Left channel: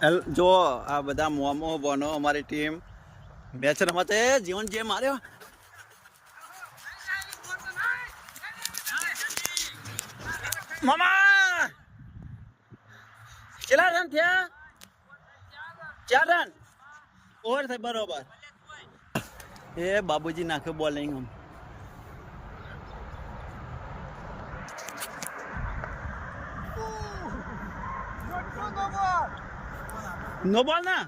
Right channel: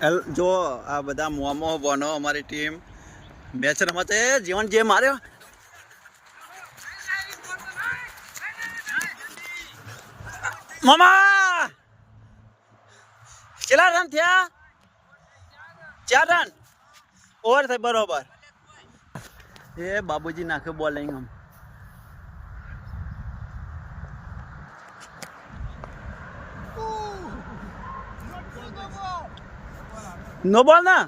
જો આ બધા મોમો બોનો અમારી ટીમ મેચ રમતે જીવન જે માર્યો મામા કેટલા રન થયા 4 રન ઓવર થઈ બરોબર એ બાબુજી નાખે બોલિંગ આમ નો બોલ ના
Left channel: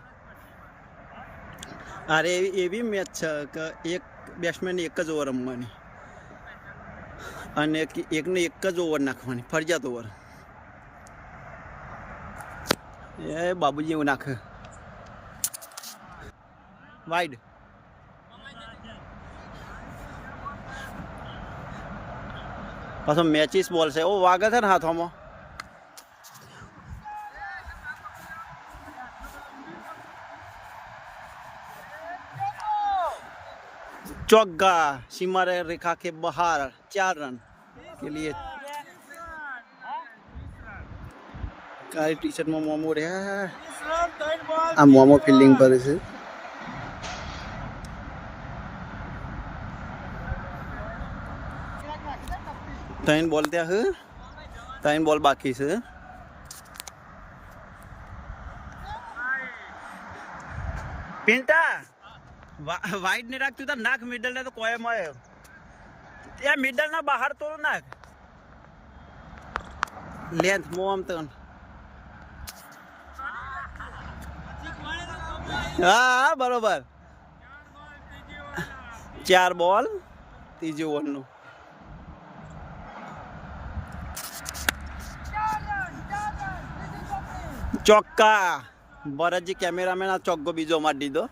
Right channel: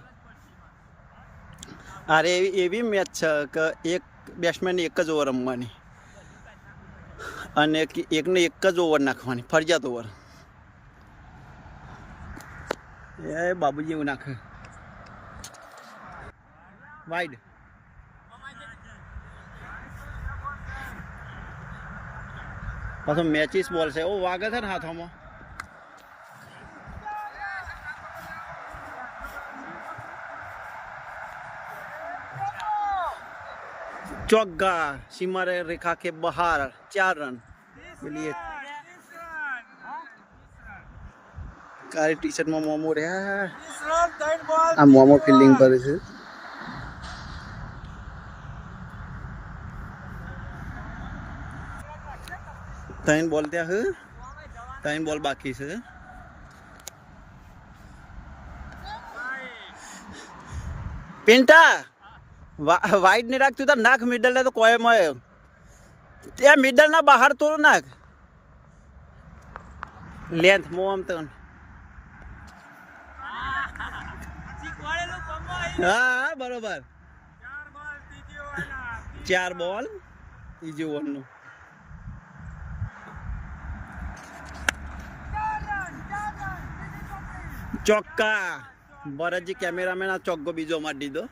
અરે એવી મેચ છે કે એક બેટ્સમેન એક જ ઓવર રમવાની અને એકને એક જ ઓવર નાખવાની ફરજિયાત ઓવર એ બાબુજી એવું નાખે વાઇડ પાછો મેચિસ બોલ છે ઓ વાગે છે ને હાથોમાં चौका सीमा रेखा के बाहर 4 रन के लिए काली टी शर्ट में मोमो रहा आ मोमो फील्डिंग पर है तीन बॉल दिया है 3 बॉल बाकी से पिंटा वाइड नहीं रखती तो नाक मिडल है तो कोई में या मिडल ना बाहर तो नाक लेंथ मोम तो हाँ बरोबर 4 बॉल तीजे ओवर नो चौका भरत जी कैमरामैन आ चौको बीजो मार दीदो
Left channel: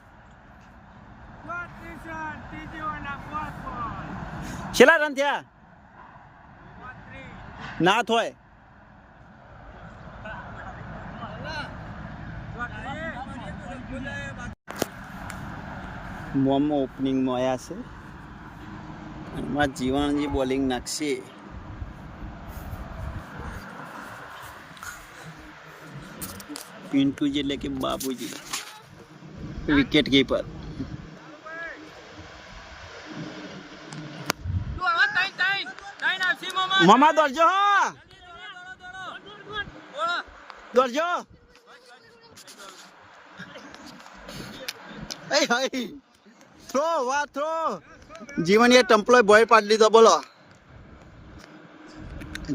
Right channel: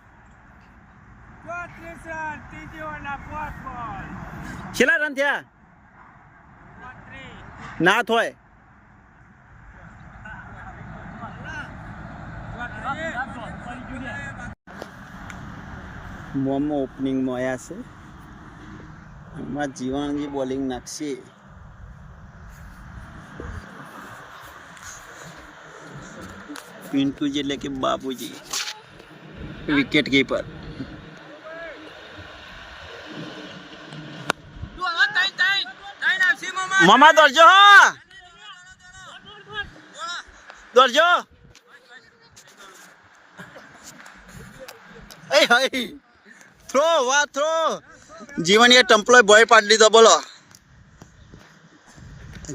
કેટલા રન થયા ના થોય મોમો ઓપનિંગમાં આવ્યા છે એમાં જીવાણજી બોલિંગ નાખશે પિન્ટુજી એટલે કે બાબુજી વિકેટ કીપર मामा दौड़ो दौड़ो थ्रो वाह थ्रो जीवन ये टम्पलो बॉय पाड़ लीधो बोलो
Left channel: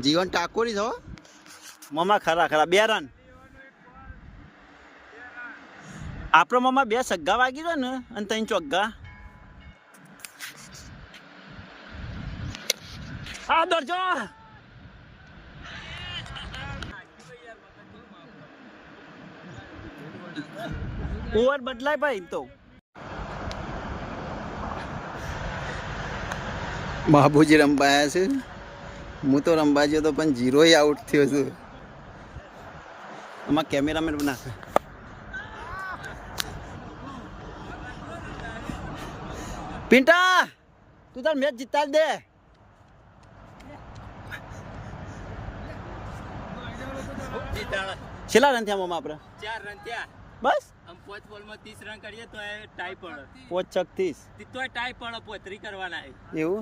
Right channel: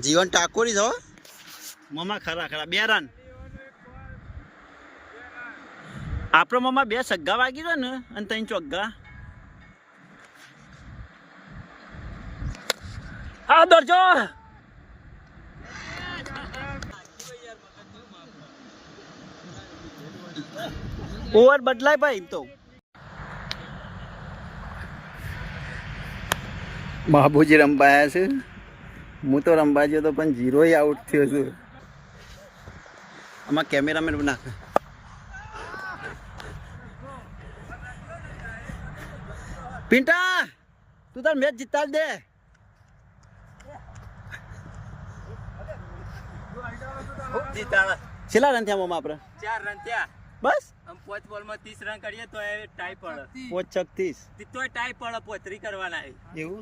जीवन टाकोरी छो मामा खरा खरा 2 रन आपरो मामा 2 सग्गा वागी दो ने अने 3 चौग्गा हाँ दौड़ो ओवर बदलाय भाई तो बाबूजी रंबाया छे हूँ तो रंबा जो तो पण 0 ही आउट थयो छे आमा कैमरामेन बना पिंटा तू तार मैच जीता दे छेला रन थया मामा आपरा 4 रन थया बस हम 5 बॉल में 30 रन करिए तो टाई पड़े 5 36 तो टाई पड़े 35 करवाना है એવું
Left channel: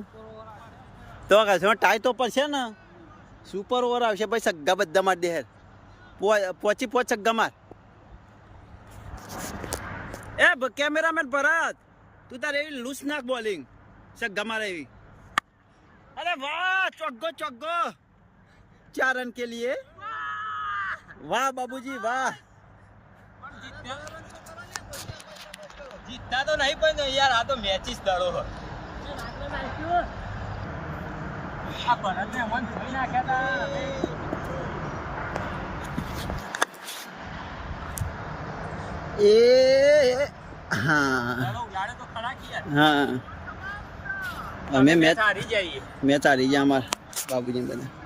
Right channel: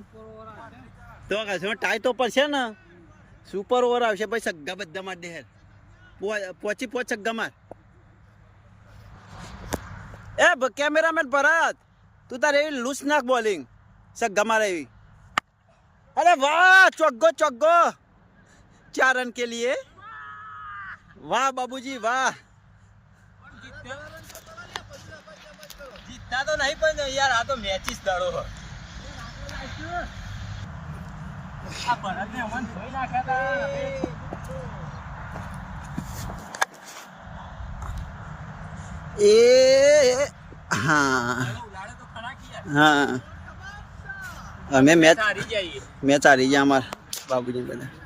તો કાસે ટાઈ તો પડશે ને સુપર ઓવર આવશે ભાઈ સગ્ગા બધા માર દે પોચી પોચ સગ્ગા માર એ કેમેરામેન ભરત તું તારે એવી લૂસ નાખ બોલિંગ સગ્ગા માર એવી અરે વાહ ચોગ્ગો ચોગ્ગો 4 रन के लिए वाह बाबूजी वाह जीतता तो नहीं पर यार आ तो मैचिस दड़ो आ भरत ने मन धोई नाख्या था ए हाँ उड़ाड़े तो खड़ा किया हाँ हमें मैच हारी जाइए मैच हारी गया हमारे बाबूजी बना